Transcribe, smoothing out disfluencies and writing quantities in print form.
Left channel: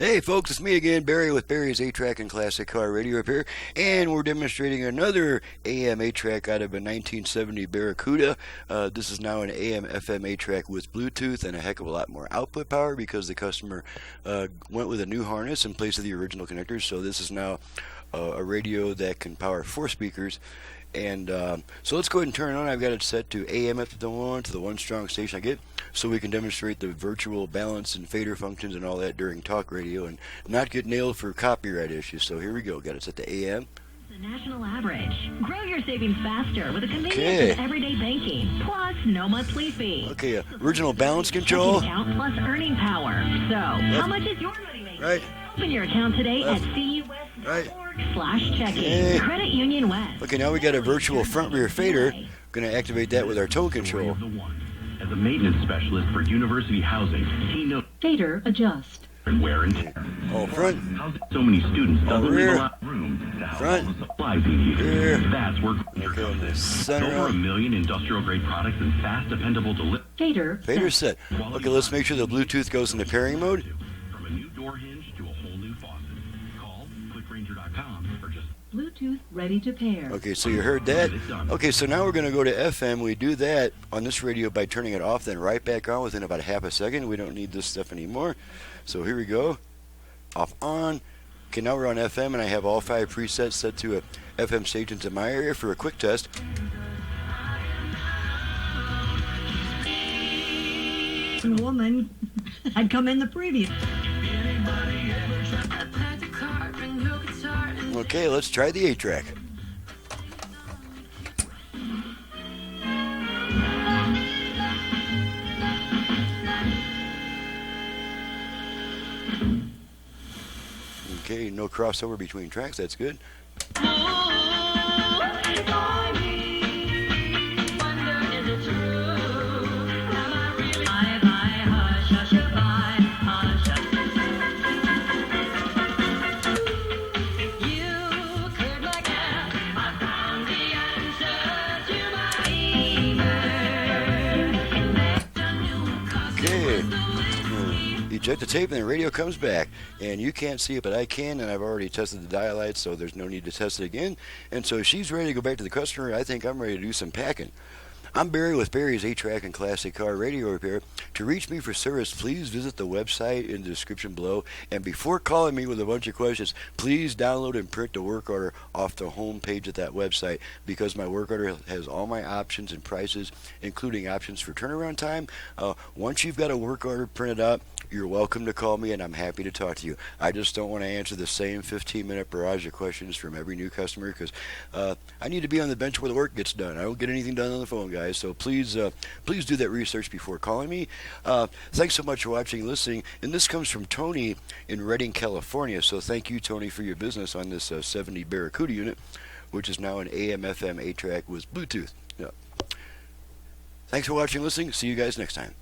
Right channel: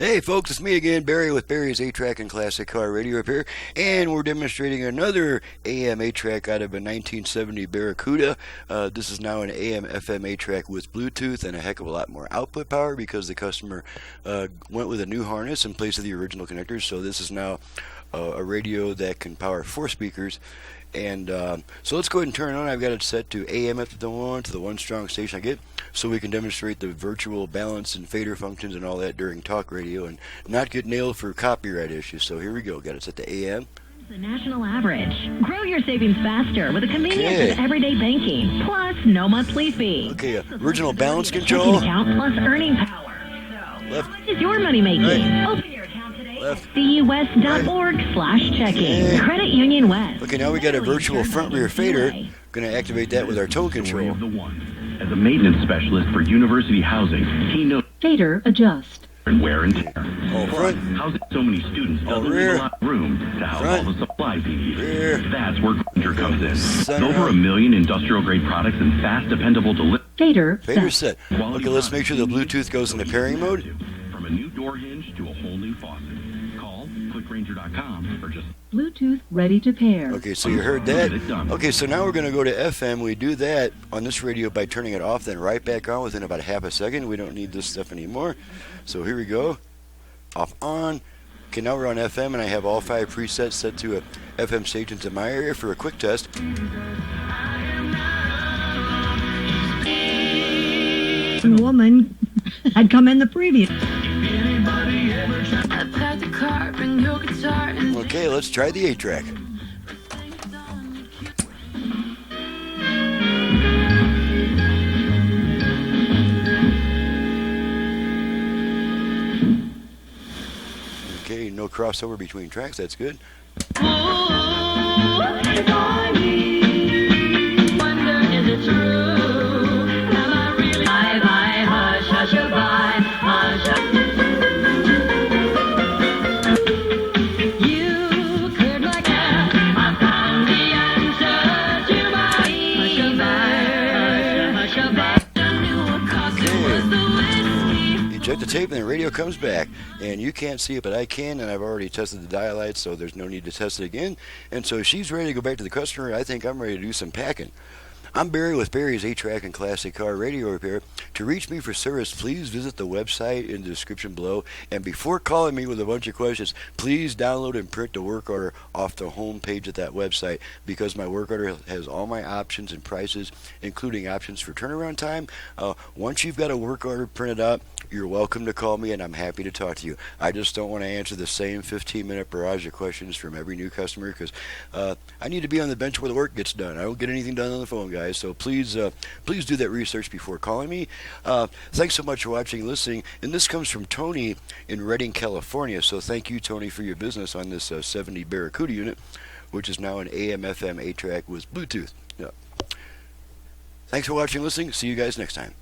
Hey folks, it's me again, Barry with Barry's 8-Track and Classic Car Radio Repair, and we're demonstrating another AM 8-Track out of a 1970 Barracuda. This is now an AM FM 8-Track with Bluetooth and a heck of a lot more output power because the customer went with a new harness in place of the original connectors. So this is now a radio that can power 4 speakers. And so let's go ahead and turn it on. I've got it set to AM up to the 1 to the 1 strong station I get, so we can demonstrate the virtual balance and fader functions and all that during talk radio and not get nailed for copyright issues. So here we go. Got it set to AM. The national average. Grow your savings faster with a convenience of everyday banking. Plus, no monthly fee. Okay, original balance control. Account plus earning power. So, how much is your money making? Right. Open your account today at cus.org/checking. Credit Union West. Okay, now we got a virtual front rear fader. Going to activate that with our tone control. As a maintenance specialist for university housing, he knows Fader adjust. wear and tear. All front, Housing so many students. all rear, Room to house front, all the supplies you need. rear. That's where Grainger Okay, comes in. center Over up. 1 million industrial grade products and fast, dependable delivery. Fader Fader set. Okay, let's make sure the Bluetooth goes into pairing mode. From a new door hinge to a whole new faucet. Call clickgrainger.com or just Bluetooth ready to pair. Okay, so you heard that. Okay, so now we're going to go to FM. We do that on this radio by turning it off, then right back on within about a half a second. We don't need this stuff anymore. So here we go. Off, on. Okay, now we're on FM, and I have all 5 presets set to FM stations in my area for a quick test. Woman had come in the previous. Okay, let's try the 8-track. Okay, no crossover between tracks. That's good. Eject the tape and the radio comes back, and you can't see it, but I can, and I've already tested the dial lights, so there's no need to test it again. And so she's ready to go back to the customer. I think I'm ready to do some packing. I'm Barry with Barry's 8-Track and Classic Car Radio Repair. To reach me for service, please visit the website in the description below. And before calling me with a bunch of questions, please download and print the work order off the home page of that website, because my work order has all my options and prices, including options for turnaround time. Once you've got a work order printed out, you're welcome to call me, and I'm happy to talk to you. I just don't want to answer the same 15-minute barrage of questions from every new customer, because I need to be on the bench where the work gets done. I don't get anything done on the phone, guys. So please do that research before calling me. Thanks so much for watching and listening. And this comes from Tony in Redding, California. So thank you, Tony, for your business on this 70 Barracuda unit, which is now an AM/FM 8-track with Bluetooth. Yeah. Thanks for watching and listening. See you guys next time.